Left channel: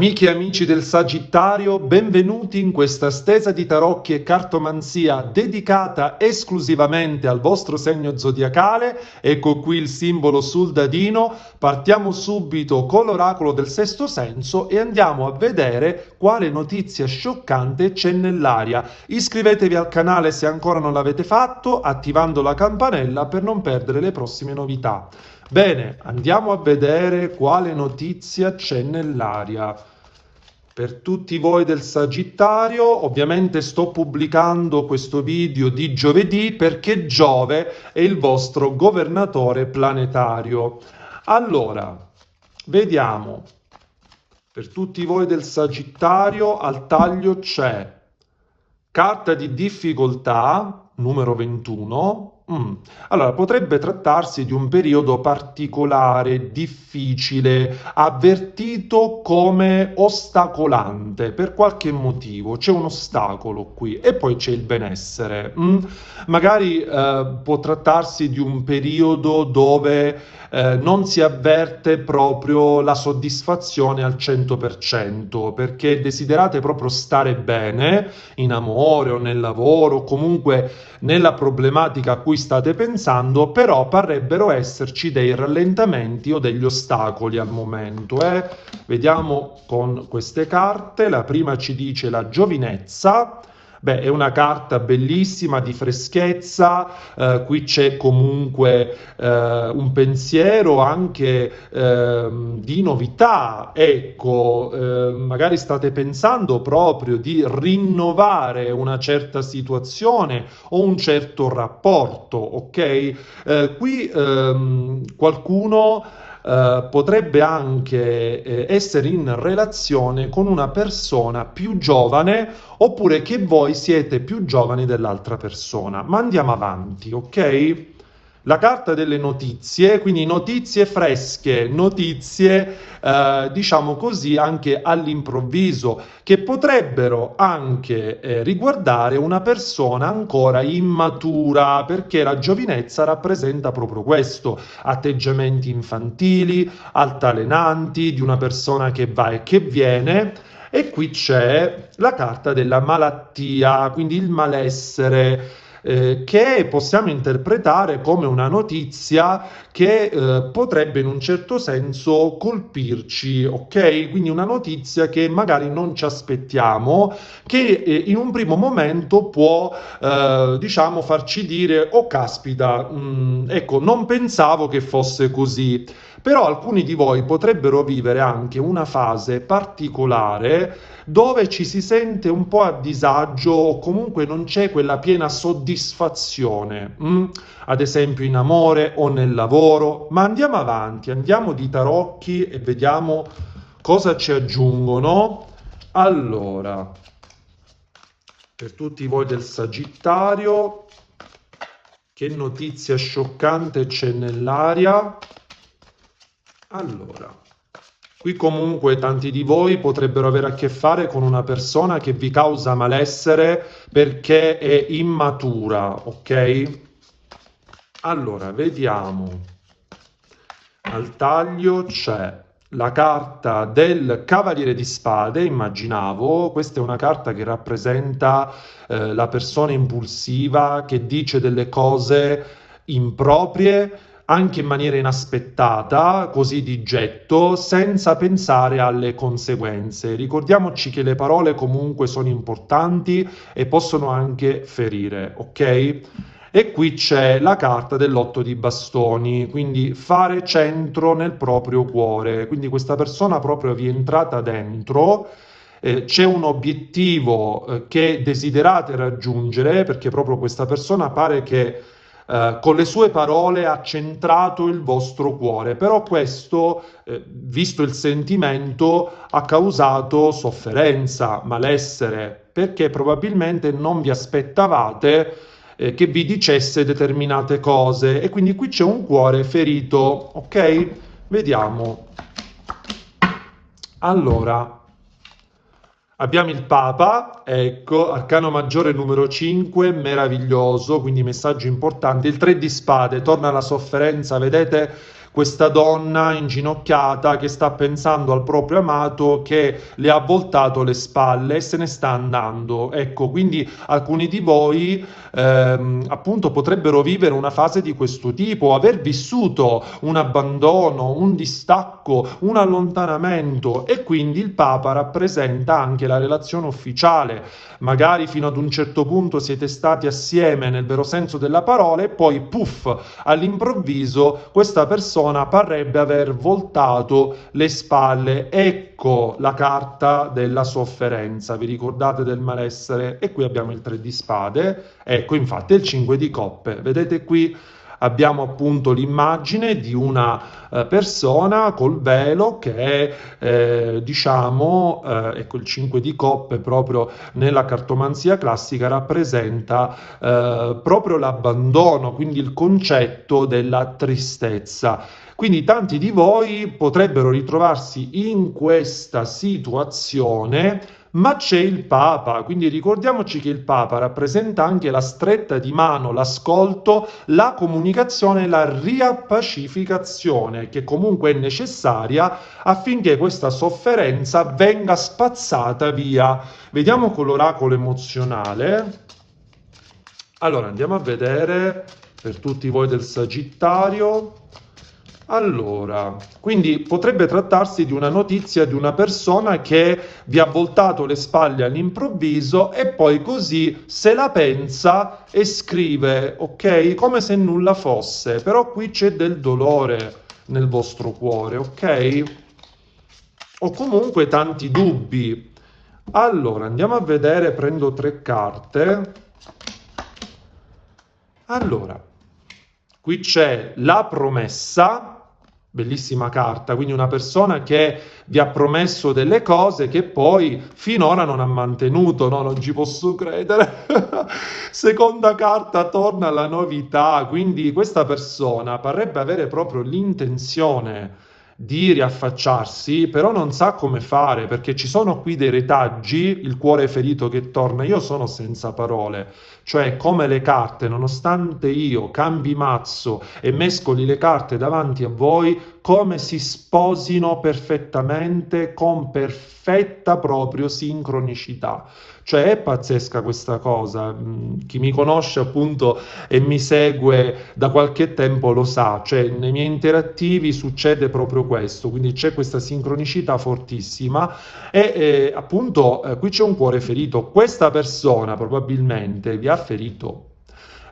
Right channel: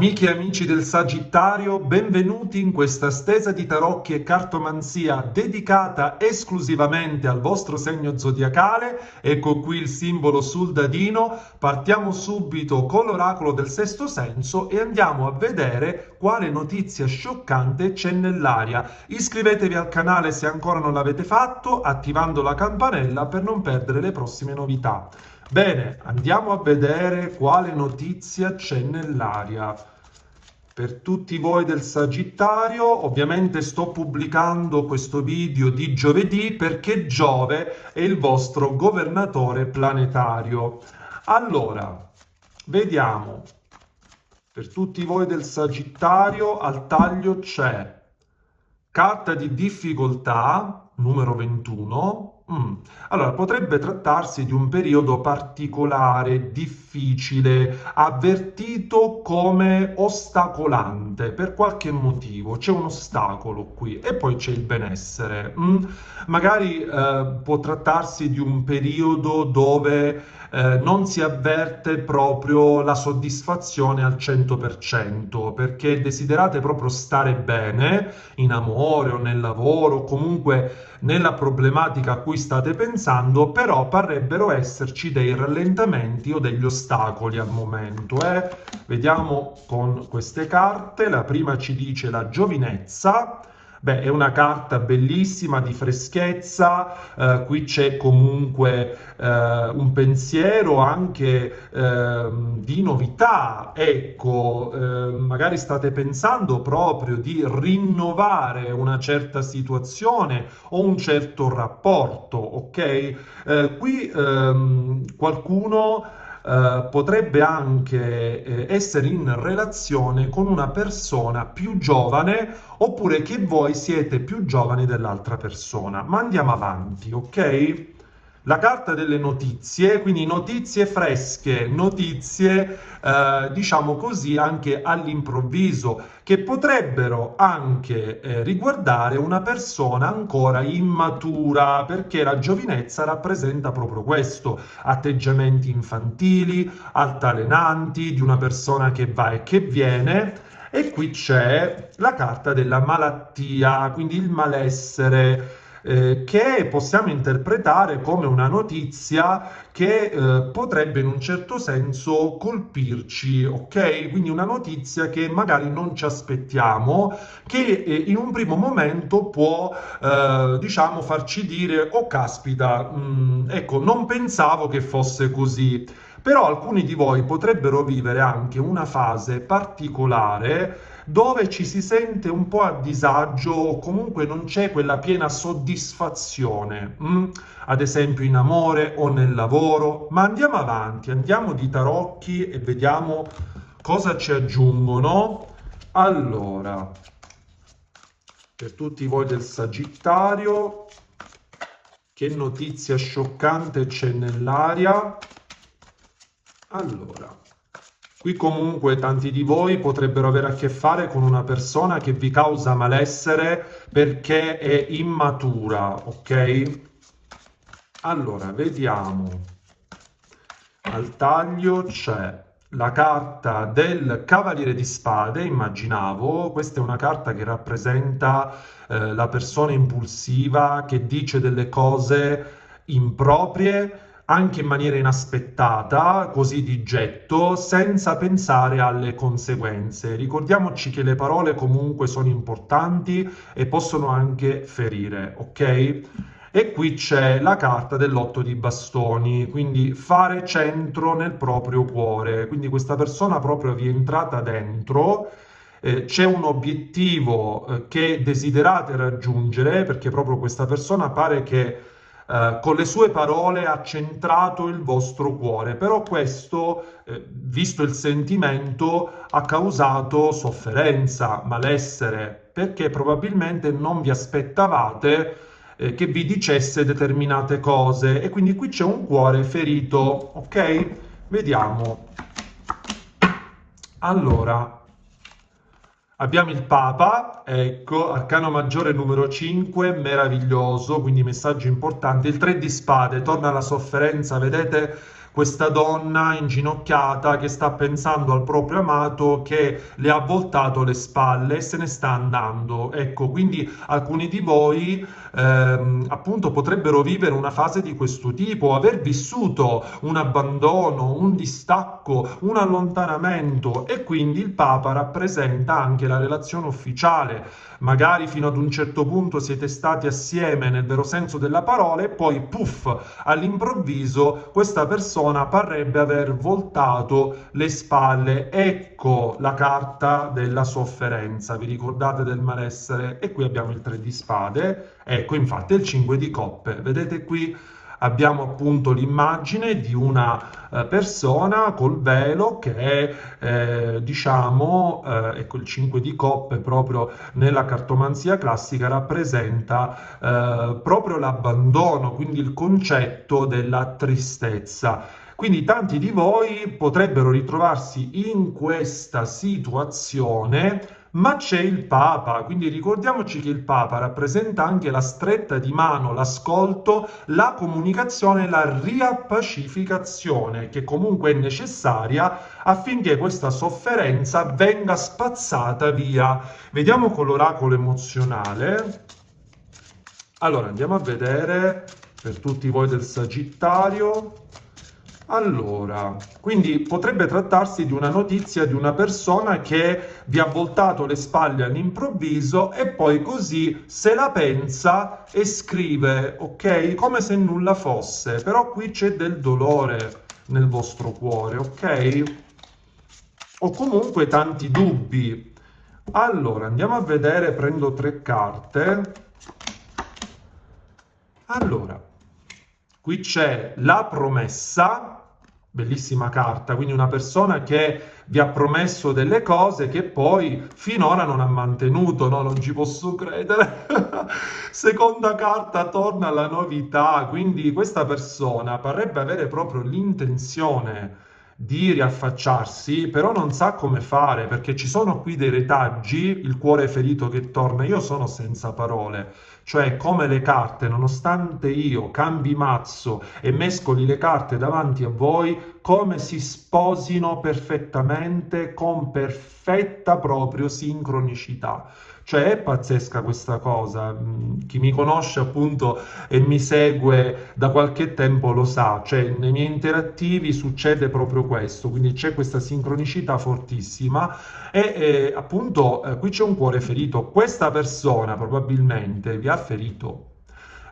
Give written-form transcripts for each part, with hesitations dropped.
Amiche e amici del Sagittario, benvenuti in questa stesa di tarocchi e cartomanzia dedicata esclusivamente al vostro segno zodiacale. Ecco qui il simbolo sul dadino. Partiamo subito con l'oracolo del sesto senso e andiamo a vedere quale notizia scioccante c'è nell'aria. Iscrivetevi al canale se ancora non l'avete fatto, attivando la campanella per non perdere le prossime novità. Bene, andiamo a vedere quale notizia c'è nell'aria. Per tutti voi del Sagittario, ovviamente sto pubblicando questo video di giovedì perché Giove è il vostro governatore planetario. Allora, vediamo. Per tutti voi del Sagittario, al taglio c'è carta di difficoltà, numero 21. Allora, potrebbe trattarsi di un periodo particolare, difficile, avvertito come ostacolante per qualche motivo. C'è un ostacolo qui e poi c'è il benessere. Magari può trattarsi di un periodo dove non si avverte proprio la soddisfazione al 100%, perché desiderate proprio stare bene in amore o nel lavoro, o comunque nella problematica a cui state pensando, però parrebbero esserci dei rallentamenti o degli ostacoli al momento. Vediamo con queste carte. La prima ci dice la giovinezza. Beh, è una carta bellissima di freschezza, qui c'è comunque un pensiero anche di novità, ecco, magari state pensando proprio di rinnovare una certa situazione o un certo rapporto, ok? Qui qualcuno potrebbe anche essere in relazione con una persona più giovane oppure che voi siete più giovani dell'altra persona. Ma andiamo avanti, ok? La carta delle notizie, quindi notizie fresche, notizie, diciamo così, anche all'improvviso, che potrebbero anche riguardare una persona ancora immatura, perché la giovinezza rappresenta proprio questo, atteggiamenti infantili, altalenanti, di una persona che va e che viene. E qui c'è la carta della malattia, quindi il malessere, che possiamo interpretare come una notizia che potrebbe in un certo senso colpirci, ok? Quindi una notizia che magari non ci aspettiamo, che in un primo momento può, diciamo, farci dire, oh caspita, ecco, non pensavo che fosse così. Però alcuni di voi potrebbero vivere anche una fase particolare dove ci si sente un po' a disagio o comunque non c'è quella piena soddisfazione, ad esempio in amore o nel lavoro. Ma andiamo avanti, andiamo di tarocchi e vediamo cosa ci aggiungono. Allora, per tutti voi del Sagittario, che notizia scioccante c'è nell'aria? Allora, qui comunque tanti di voi potrebbero avere a che fare con una persona che vi causa malessere perché è immatura, ok? Allora, vediamo. Al taglio c'è la carta del Cavaliere di Spade, immaginavo. Questa è una carta che rappresenta la persona impulsiva che dice delle cose improprie anche in maniera inaspettata, così di getto, senza pensare alle conseguenze. Ricordiamoci che le parole comunque sono importanti e possono anche ferire, ok? E qui c'è la carta dell'otto di bastoni, quindi fare centro nel proprio cuore. Quindi questa persona proprio vi è entrata dentro, c'è un obiettivo che desiderate raggiungere, perché proprio questa persona pare che con le sue parole ha centrato il vostro cuore, però questo, visto il sentimento, ha causato sofferenza, malessere, perché probabilmente non vi aspettavate che vi dicesse determinate cose e quindi qui c'è un cuore ferito, ok? Vediamo. Allora, abbiamo il Papa, ecco, arcano maggiore numero 5, meraviglioso, quindi messaggio importante. Il 3 di spade, torna la sofferenza, vedete questa donna inginocchiata che sta pensando al proprio amato che le ha voltato le spalle e se ne sta andando. Ecco, quindi alcuni di voi appunto potrebbero vivere una fase di questo tipo, aver vissuto un abbandono, un distacco, un allontanamento e quindi il Papa rappresenta anche la relazione ufficiale. Magari fino ad un certo punto siete stati assieme nel vero senso della parola e poi puff, all'improvviso questa persona parrebbe aver voltato le spalle. Ecco la carta della sofferenza. Vi ricordate del malessere? E qui abbiamo il 3 di spade. Ecco, infatti, il 5 di coppe. Vedete qui abbiamo appunto l'immagine di una persona col velo che è, diciamo, ecco il 5 di coppe proprio nella cartomanzia classica rappresenta proprio l'abbandono, quindi il concetto della tristezza. Quindi tanti di voi potrebbero ritrovarsi in questa situazione, ma c'è il Papa, quindi ricordiamoci che il Papa rappresenta anche la stretta di mano, l'ascolto, la comunicazione e la riappacificazione, che comunque è necessaria affinché questa sofferenza venga spazzata via. Vediamo con l'oracolo emozionale. Allora, andiamo a vedere per tutti voi del Sagittario. Allora, quindi potrebbe trattarsi di una notizia di una persona che vi ha voltato le spalle all'improvviso e poi così se la pensa e scrive, ok? Come se nulla fosse, però qui c'è del dolore nel vostro cuore, ok? O comunque tanti dubbi. Allora, andiamo a vedere, prendo 3 carte. Allora, qui c'è la promessa, bellissima carta, quindi una persona che vi ha promesso delle cose che poi finora non ha mantenuto, no? Non ci posso credere. Seconda carta, torna alla novità, quindi questa persona parrebbe avere proprio l'intenzione di riaffacciarsi, però non sa come fare perché ci sono qui dei retaggi, il cuore ferito che torna. Io sono senza parole, cioè come le carte, nonostante io cambi mazzo e mescoli le carte davanti a voi, come si sposino perfettamente, con perfetta proprio sincronicità. Cioè è pazzesca questa cosa. Chi mi conosce appunto e mi segue da qualche tempo lo sa, cioè nei miei interattivi succede proprio questo, quindi c'è questa sincronicità fortissima e appunto qui c'è un cuore ferito. Questa persona probabilmente vi ha ferito.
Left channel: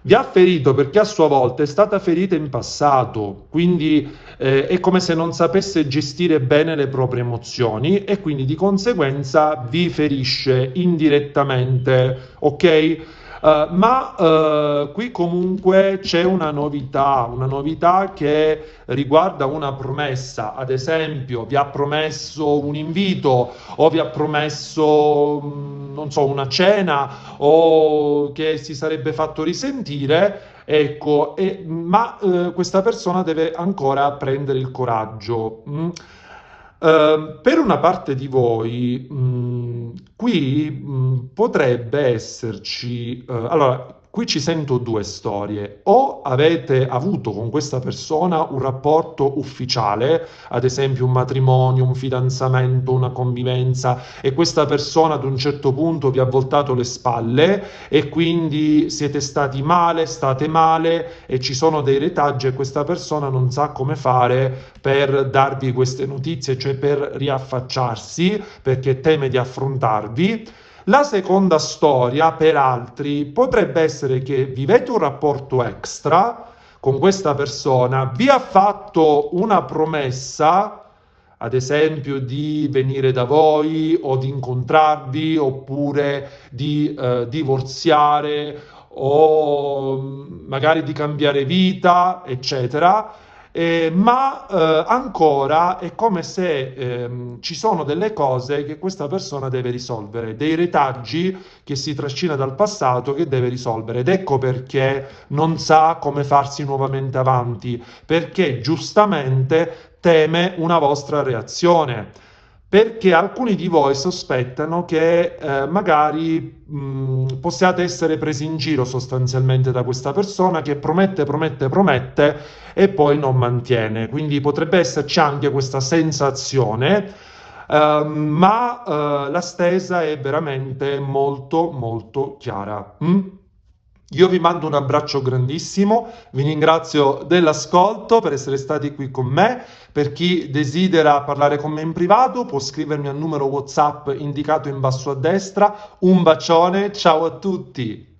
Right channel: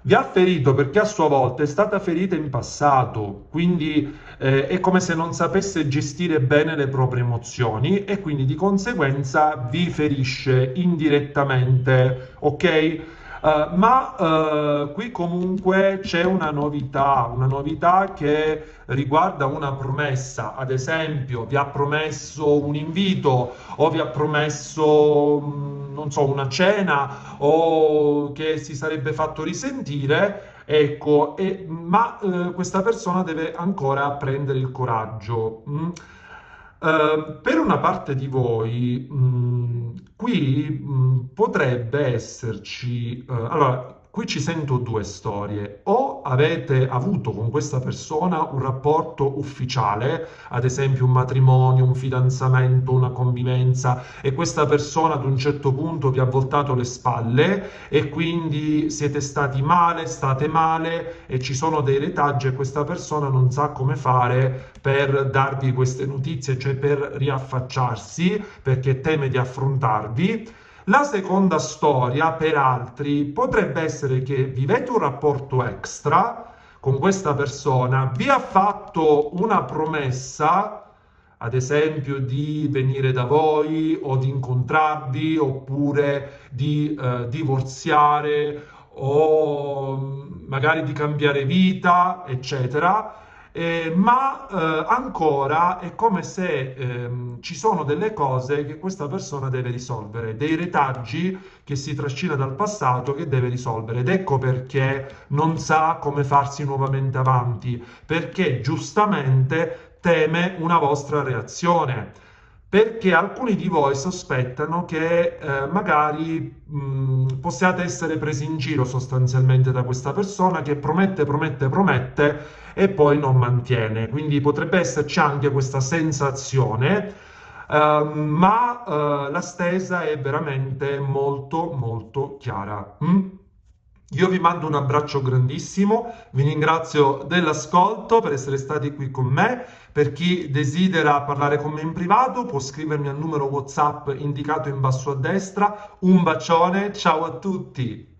Vi ha ferito perché a sua volta è stata ferita in passato, quindi è come se non sapesse gestire bene le proprie emozioni e quindi di conseguenza vi ferisce indirettamente, ok? Ma qui comunque c'è una novità che riguarda una promessa, ad esempio vi ha promesso un invito o vi ha promesso, non so, una cena o che si sarebbe fatto risentire. Ecco, ma questa persona deve ancora prendere il coraggio. Per una parte di voi, qui potrebbe esserci, allora, qui ci sento 2 storie. O avete avuto con questa persona un rapporto ufficiale, ad esempio un matrimonio, un fidanzamento, una convivenza, e questa persona ad un certo punto vi ha voltato le spalle e quindi siete stati male, state male e ci sono dei retaggi e questa persona non sa come fare per darvi queste notizie, cioè per riaffacciarsi perché teme di affrontarvi. La seconda storia, per altri, potrebbe essere che vivete un rapporto extra con questa persona, vi ha fatto una promessa, ad esempio di venire da voi o di incontrarvi oppure di divorziare o magari di cambiare vita, eccetera. Ma ancora è come se ci sono delle cose che questa persona deve risolvere, dei retaggi che si trascina dal passato che deve risolvere. Ed ecco perché non sa come farsi nuovamente avanti, perché giustamente teme una vostra reazione. perché alcuni di voi sospettano che magari possiate essere presi in giro sostanzialmente da questa persona che promette, promette, promette e poi non mantiene. Quindi potrebbe esserci anche questa sensazione, ma la stesa è veramente molto, molto chiara. Io vi mando un abbraccio grandissimo, vi ringrazio dell'ascolto per essere stati qui con me. Per chi desidera parlare con me in privato può scrivermi al numero WhatsApp indicato in basso a destra. Un bacione, ciao a tutti!